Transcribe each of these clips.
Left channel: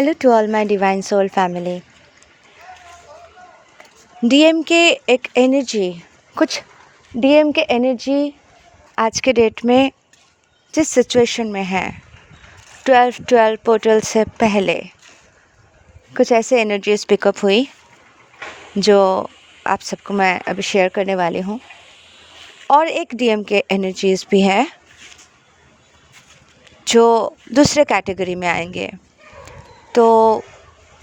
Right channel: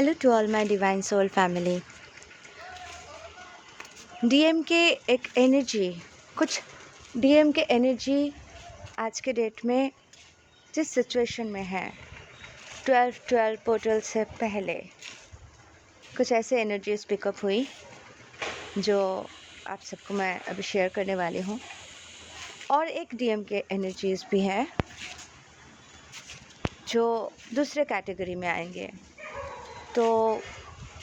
Hello to all my Divine Soul family. DM के एक energy, कुछ डीएम के एनर्जी आज के डेट में जिस सिचुएशन में है 12-12 पोर्टल से पहले कुछ ऐसे एनर्जीज पिकअप हुई जो आप सबको मैं अभी शेयर करने वाली हूँ। और एक डीएम के एनर्जीज भी हैं जो दूसरे कैटेगरी में आएंगे। तो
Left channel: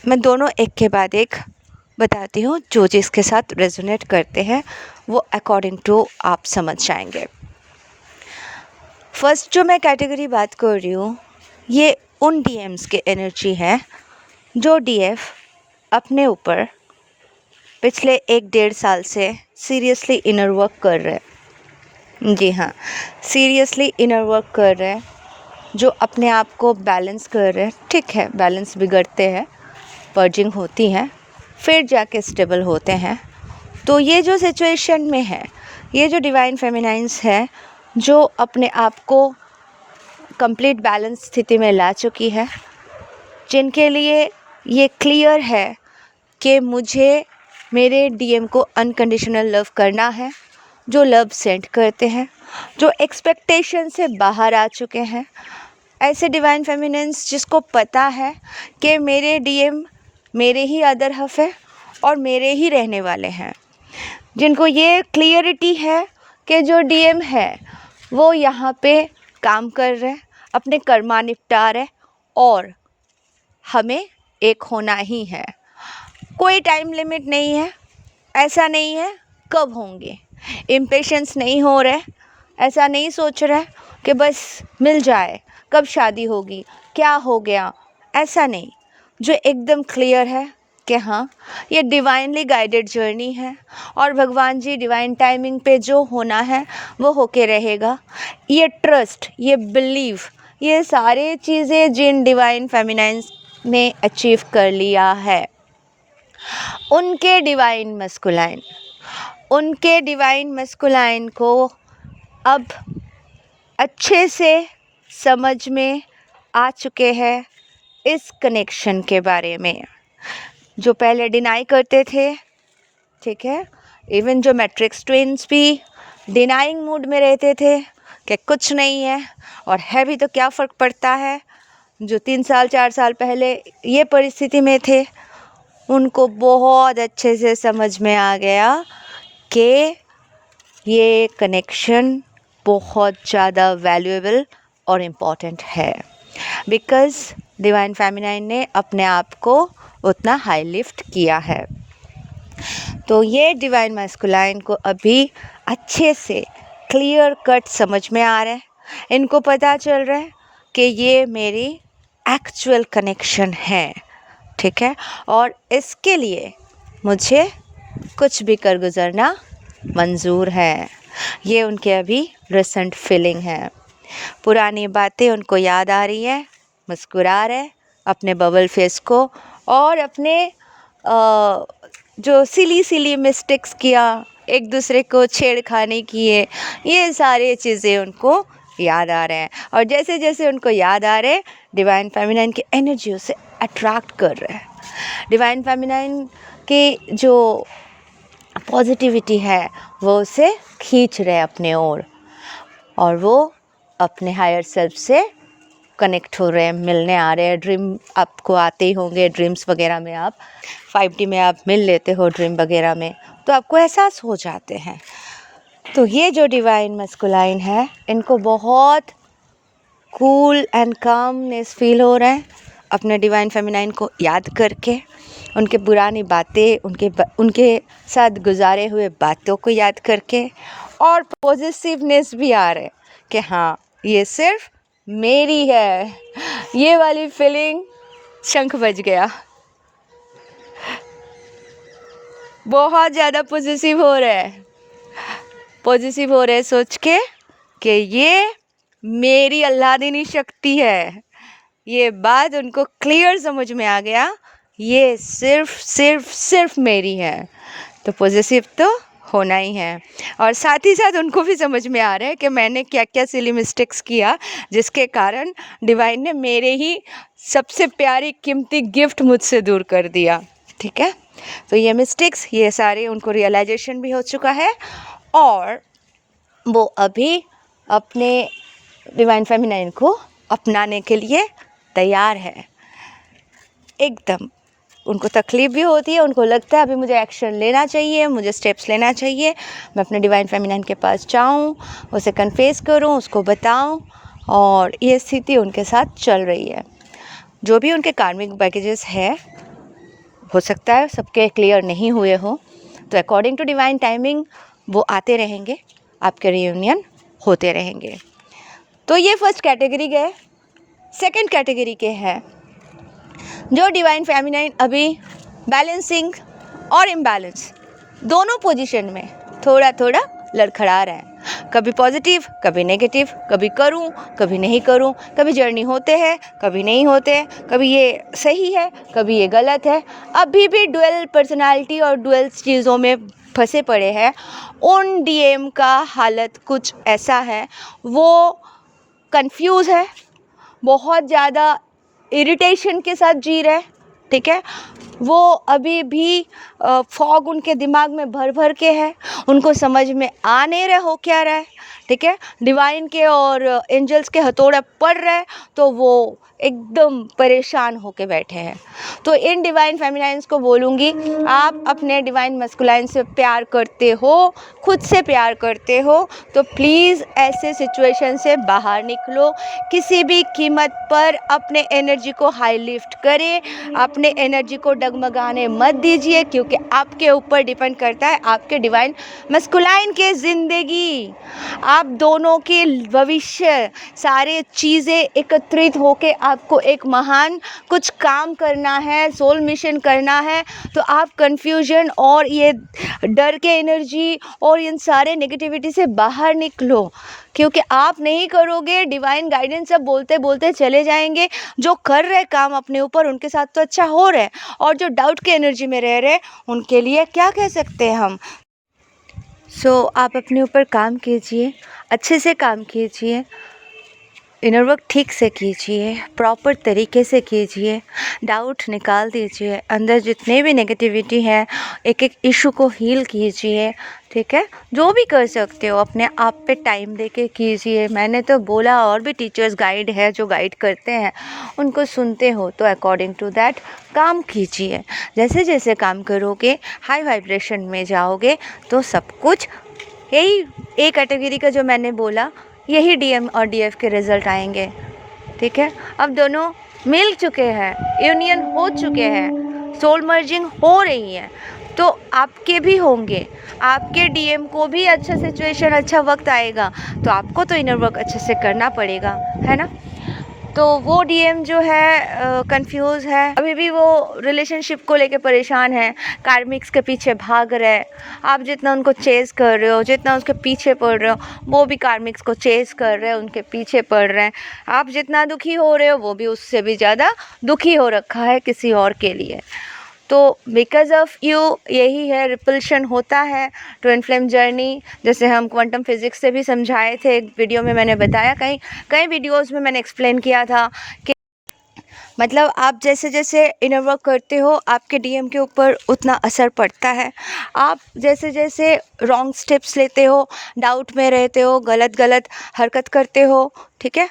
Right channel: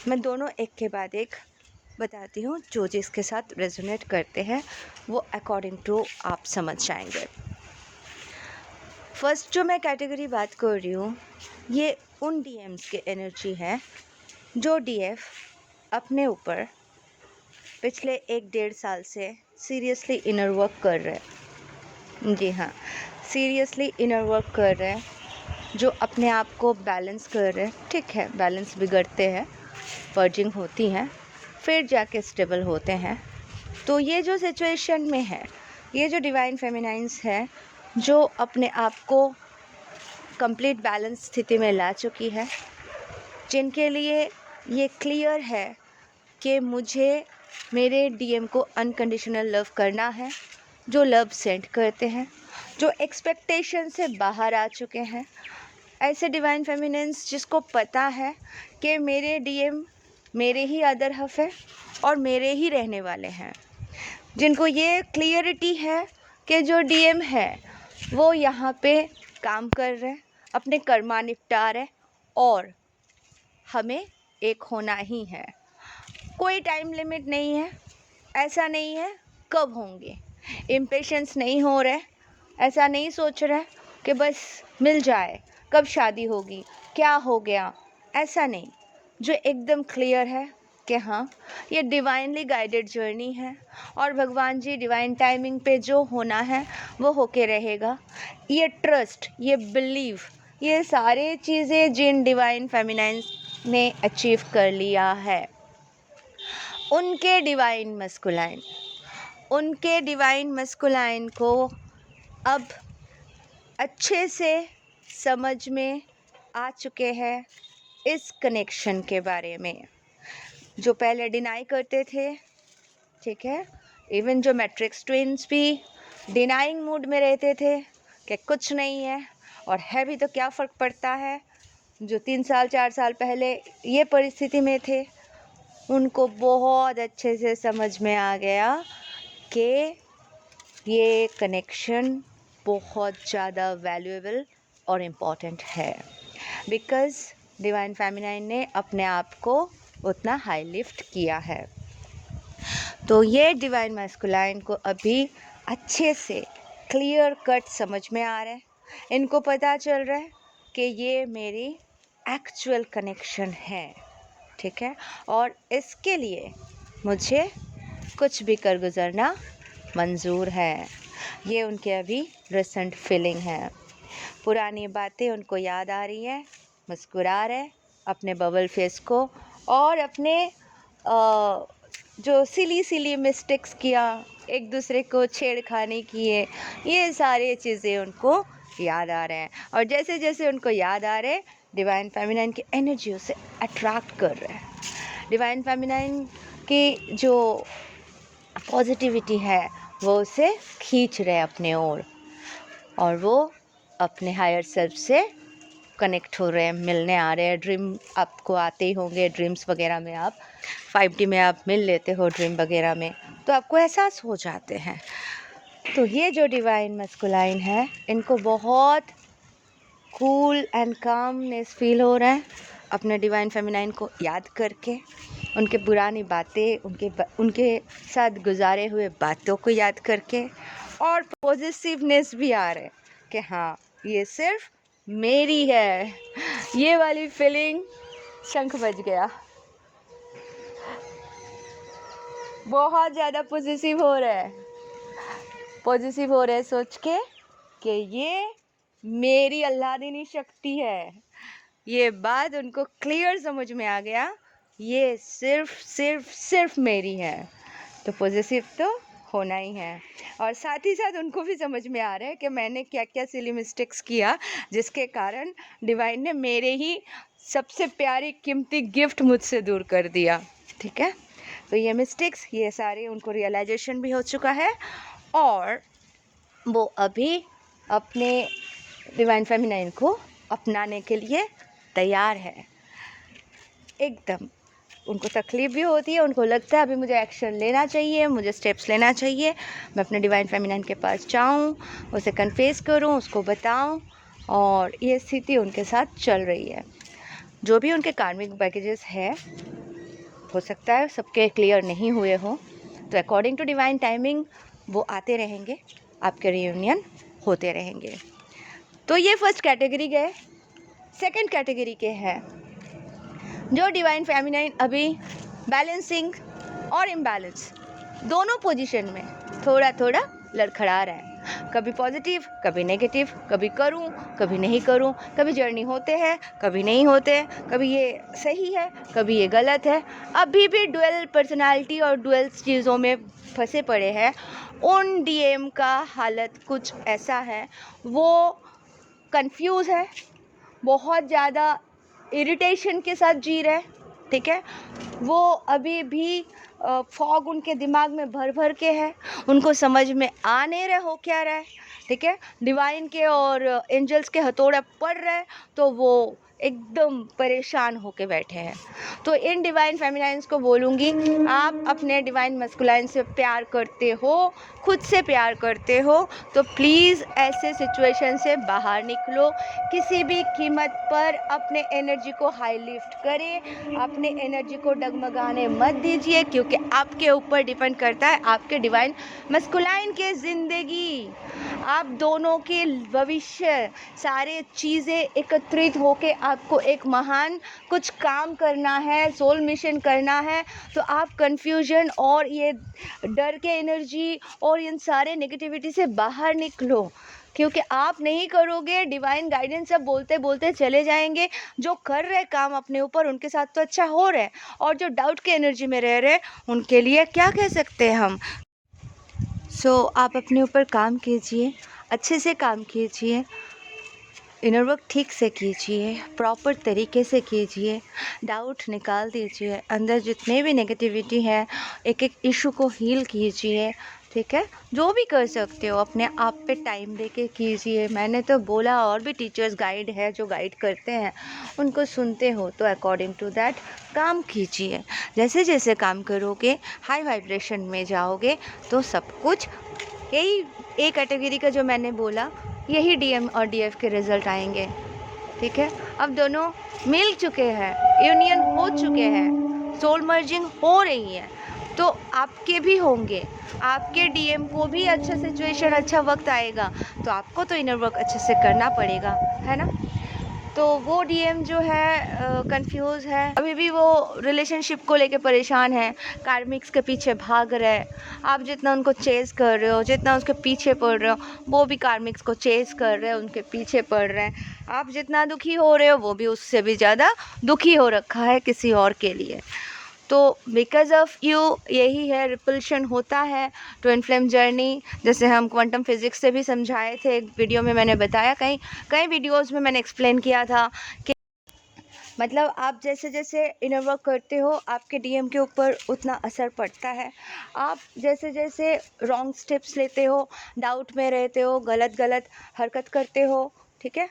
मैं दोनों एक के बाद एक बताती हूँ, जो जिसके साथ रेजोनेट करते हैं वो अकॉर्डिंग टू आप समझ जाएंगे। फर्स्ट जो मैं कैटेगरी बात कर रही हूँ, ये उन डीएम्स के एनर्जी है जो डीएफ अपने ऊपर पिछले 1-1.5 साल से सीरियसली इनर वर्क कर रहे हैं। जी हाँ, सीरियसली इनर वर्क कर रहे हैं, जो अपने आप को बैलेंस कर रहे हैं। ठीक है, बैलेंस बिगड़ते हैं, पर्जिंग होती हैं, फिर जाके स्टेबल होते हैं। तो ये जो सिचुएशन में है, ये जो डिवाइन फेमिनाइंस है जो अपने आप को कंप्लीट बैलेंस स्थिति में ला चुकी है, जिनके लिए ये क्लियर है कि मुझे मेरे डीएम को अनकंडीशनल लव करना है, जो लव सेंड करते हैं, जो एक्सपेक्टेशन से बाहर आ चुके हैं। ऐसे डिवाइन फेमिनिन्स जिसको पता है कि मेरे डीएम मेरे ही अदर हफ है और मेरे ही रहने वाले हैं, जिनको ये क्लियरिटी है कि जो डीएम है वो यहाँ पे काम कर रहे हैं, अपने कर्मा निपटा रहे और हमें एक होना ही है। कोई टाइम लिमिट नहीं है, ऐसा नहीं है कब होंगे, इम्पेशेंस नहीं हो रहे, ऐसा नहीं सोच रहे कि बस मिल जाए, कब शादी होगी, क्या हो गया, ऐसा नहीं। जो एकदम क्लियर है कि हाँ, ये डिवाइनली गाइडेड जर्नी है और भगवान जी डिवाइन टाइमिंग पे जो होना है वो होके रहेगा। ये ट्रस्ट, ये बिलीव, ये सारे चीज़ें जिन डिवाइन फेमिनाइंस ने अचीव कर लिया है, उनके डिवाइन मस्कुलाइन को अब अच्छे से समझ में आ चुके हैं इस कनेक्शन के बारे में। जो पहले डिनाई करते थे, ठीक है, इवन जो मैट्रिक्स ट्विन्स भी डिनाइंग मूड में रहते थे कि कुछ नहीं है और है भी तो क्या फ़र्क पड़ता है, जो 3 साल 4 साल पहले ये परिस्थिति में थे, उनको बहुत अच्छे से समझ में आ गया कि ये कनेक्शन बहुत ज़्यादा वैल्यूएबल और इम्पॉर्टेंट है, बिकॉज़ डिवाइन फेमिनाइन ने अपने आप को उतना हाई लिफ्ट किया है। तो ये डिवाइन मैस्कुलाइन को अभी अच्छे से क्लियर कट समझ में आ रहा है, इनको पता चल रहा है कि ये मेरी एक्चुअल कनेक्शन है, ठीक है, और इसके लिए मुझे कुछ भी कर गुज़रना मंजूर है। ये उनके अभी रिसेंट फीलिंग है। पुरानी बातें उनको याद आ रही है, मुस्कुरा रहे अपने बबल फेस को और अपने जो सिली मिस्टेक्स किया, एक दूसरे को छेड़खानी किए, ये सारी चीज़ें उनको याद आ रहे हैं। और जैसे जैसे उनको याद आ रहे हैं, डिवाइन फेमिनाइन की एनर्जी उसे अट्रैक्ट कर रहे हैं। डिवाइन फेमिनाइन की जो पॉजिटिविटी है वो उसे खींच रहे अपने ओर और वो अपने हायर सेल्फ से कनेक्ट हो रहे हैं, मिलने आ रहे हैं। ड्रीम आपको आते ही होंगे, ड्रीम्स वगैरह में आप 5D में आप मिल लेते हो ड्रीम वगैरह में, तो आपको एहसास हो जाते हैं। तो ये जो डिवाइन मस्कुलाइन है, इनको बहुत कूल एंड कामनेस फील हो रहा है अपने डिवाइन फेमिनाइन को याद करके, उनके पुरानी बातें, उनके साथ गुजारे हुए बातों को याद करके, और पॉजिटिवनेस भी आ रहा है कि हाँ, ये सिर्फ मेरी है। ये वाली फीलिंग, शंख बज गया, बहुत ज़्यादा पॉजिटिव हो रहा है सोच के कि ये मेरी अल्लादीनी शक्ति है। ये बात उनको क्लियर समझ में आ गया, ये सिर्फ मेरी है। तो पॉजिटिव तो होना ही है। और साथ ही साथ उनको भी समझ में आ रहा है कि मैंने क्या क्या सिली मिस्टेक्स किया, जिसके कारण डिवाइन ने मेरे ही सबसे प्यारी कीमती गिफ्ट मुझसे दूर कर दिया। ठीक है, तो ये मिस्टेक्स, ये सारे उनको रियलाइजेशन भी हो चुका है और वो अभी अपने डिवाइन फेमिनाइन को अपनाने के लिए तैयार है। एकदम उनको तकलीफ़ भी होती है, उनको लगता है अभी मुझे एक्शन लेना चाहिए, मुझे स्टेप्स लेना चाहिए, मैं अपने डिवाइन फेमिनाइन के पास जाऊं, उसे कन्फेस करूं, उसको बताऊं, और ये स्थिति उनके साथ चल रही है। जो भी उनके कार्मिक बैगेजेस है, हो सकता है सबके क्लियर नहीं हुए हो, तो अकॉर्डिंग टू डिवाइन टाइमिंग वो आते रहेंगे, आपके रियूनियन होते रहेंगे। तो ये फर्स्ट कैटेगरी गए। सेकंड कैटेगरी के हैं जो डिवाइन फेमिनाइन अभी बैलेंसिंग और इम्बैलेंस दोनों पोजीशन में थोड़ा थोड़ा लड़खड़ा रहे हैं। कभी पॉजिटिव, कभी नेगेटिव, कभी करूं, कभी नहीं करूं, कभी जर्नी होते हैं, कभी नहीं होते हैं, कभी ये सही है, कभी ये गलत है। अभी भी डुअल पर्सनालिटी और डुअल चीज़ों में फंसे पड़े हैं। उन डीएम का हालत कुछ ऐसा है, वो कंफ्यूज है, बहुत ज़्यादा इरिटेशन के साथ जी रहे। ठीक है, वो अभी भी फॉग उनके दिमाग में भर भर के है, उनको समझ में आ नहीं रहा हो क्या रहा है। ठीक है, डिवाइन के और एंजल्स के हथौड़े पड़ रहे, तो वो एकदम परेशान होके बैठे हैं। तो इन डिवाइन फेमिनाइंस को बोलूँगी, आप अपने डिवाइन मस्कुलाइन से प्यार करते हो, खुद से प्यार करते हो, तो प्लीज़ ऐसे सिचुएशन से बाहर निकलो। किसी भी कीमत पर अपने एनर्जी को हाई लिफ्ट करें, अपने एनर्जी को डगमगाने मत दीजिए, क्योंकि आपके ऊपर डिपेंड करता है आपके डिवाइन मस्कुलाइन के ज़िंदगी, आप दोनों के भविष्य, सारे चीज़ें एकत्रित होके आपको एक महान कुछ काम करना है, सोल मिशन करना है। तो आप कन्फ्यूजन और ये डर के एनर्जी और इन सारे नेगेटिविटी से बाहर निकलो, क्योंकि आप नहीं करोगे, डिवाइन गाइडेंस सब बोलते बोलते चले जाएंगे। जो कर रहे काम अपने ऊपर, उनके साथ तो अच्छा हो रहा है, और जो डाउट के एनर्जी में रह रहे, उनके लिए क्या कह सकते हैं हम। सो आप अपने ऊपर काम कीजिए, अच्छे से काम कीजिए, इनर वर्क ठीक से कीजिए, प्रॉपर तरीके से कीजिए, डाउट निकाल दीजिए, अंदर जितने भी नेगेटिविटी है एक एक इशू को हील कीजिए। ठीक है, जो भी कर सकते हो अपने आप पे टाइम देके कीजिए। मैंने तो बोला, और भी टीचर्स गाइड है जो गाइड करते हैं, उनको सुनते हो तो अकॉर्डिंग टू दैट काम कीजिए। जैसे जैसे काम करोगे, हाई वाइब्रेशन में जाओगे, तो सब कुछ यही ए कैटेगरी का जो मैंने बोला, यही डीएम और डीएफ के रिज़ल्ट आएंगे। ठीक है, अब दोनों मिल चुके हैं, यूनियन हो चुके हैं, सोल मर्जिंग हो रही है, तो आपके भी होंगे। आपके डीएम को भी अच्छा सिचुएशन, अच्छा वक्त आएगा, तो आपको तो इनर वर्क अच्छे से करना पड़ेगा, है ना। तो वो डीएम जो है कंफ्यूज है, अभी भी वो रिलेशनशिप को लेके परेशान है, कार्मिक्स के पीछे भाग रहे हैं। आप जितना उनको चेज़ कर रहे हो, जितना उसके पीछे पड़ रहे हो, वो भी कार्मिक्स को चेज़ कर रहे हैं, उनके पीछे पड़ रहे हैं। आप जितना दुखी हो रहे हो, वो भी उससे भी ज़्यादा दुखी हो रखा है किसी और के लिए। तो बिकॉज ऑफ यू, यही है, रिपल्शन होता है ट्विन फ्लेम जर्नी। जैसे हम क्वांटम फिज़िक्स से भी समझाए थे, एक वीडियो में मैंने बताया, कई वीडियोज़ में मैंने एक्सप्लेन किया था कि मतलब आप जैसे जैसे इनर वर्क करते हो, आपके डीएम के ऊपर उतना असर पड़ता है। आप जैसे जैसे रॉन्ग स्टेप्स लेते हो, डाउट में रहते हो, गलत गलत हरकत करते हो, ठीक है,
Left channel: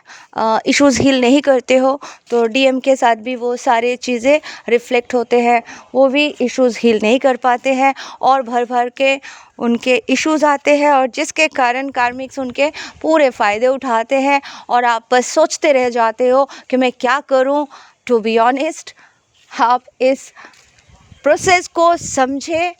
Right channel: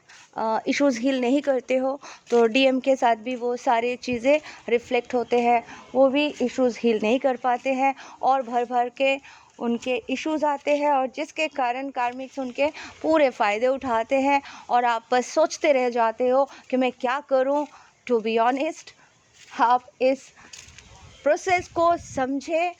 इश्यूज़ हील नहीं करते हो, तो डीएम के साथ भी वो सारी चीज़ें रिफ्लेक्ट होते हैं। वो भी इश्यूज़ हील नहीं कर पाते हैं और भर भर के उनके इश्यूज़ आते हैं, और जिसके कारण कार्मिक्स उनके पूरे फ़ायदे उठाते हैं, और आप बस सोचते रह जाते हो कि मैं क्या करूं। टू बी ऑनेस्ट, आप इस प्रोसेस को समझें,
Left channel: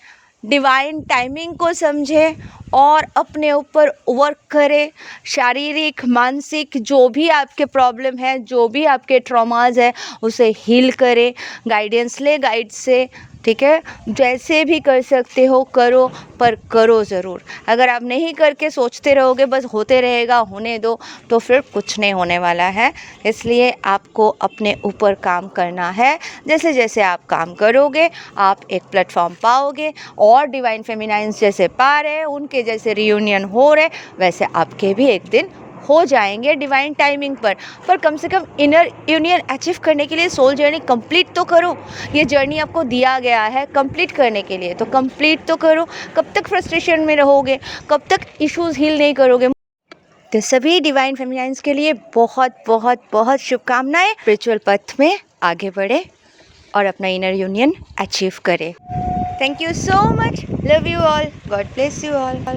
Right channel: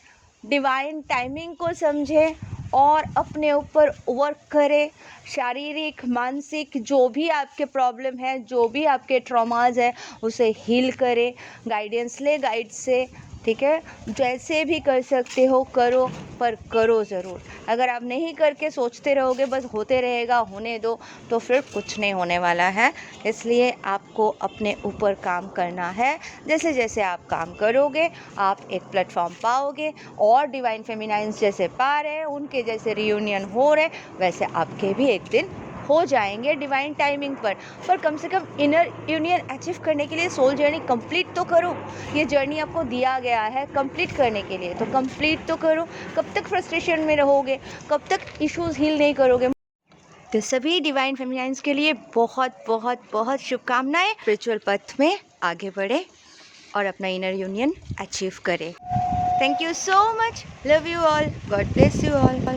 डिवाइन टाइमिंग को समझें, और अपने ऊपर वर्क करें। शारीरिक, मानसिक, जो भी आपके प्रॉब्लम है, जो भी आपके ट्रॉमाज है, उसे हील करें, गाइडेंस ले गाइड से। ठीक है, जैसे भी कर सकते हो करो, पर करो ज़रूर। अगर आप नहीं करके सोचते रहोगे बस होते रहेगा, होने दो, तो फिर कुछ नहीं होने वाला है। इसलिए आपको अपने ऊपर काम करना है। जैसे जैसे आप काम करोगे आप एक प्लेटफॉर्म पाओगे, और डिवाइन फेमिनाइंस जैसे पा रहे, उनके जैसे रियूनियन हो रहे, वैसे आपके भी एक दिन हो जाएंगे डिवाइन टाइमिंग पर कम से कम इनर यूनियन अचीव करने के लिए सोल जर्नी कंप्लीट तो करो। ये जर्नी आपको दिया गया है कंप्लीट करने के लिए, तो कंप्लीट तो करो। कब तक फ्रस्ट्रेशन में रहोगे, कब तक इश्यूज हील नहीं करोगे। तो सभी डिवाइन फेमिनाइंस के लिए बहुत बहुत बहुत शुभकामनाएं। स्पिरिचुअल पथ में आगे बढ़े और अपना इनर यूनियन अचीव करें। Thank you so much, love you all, God bless you all.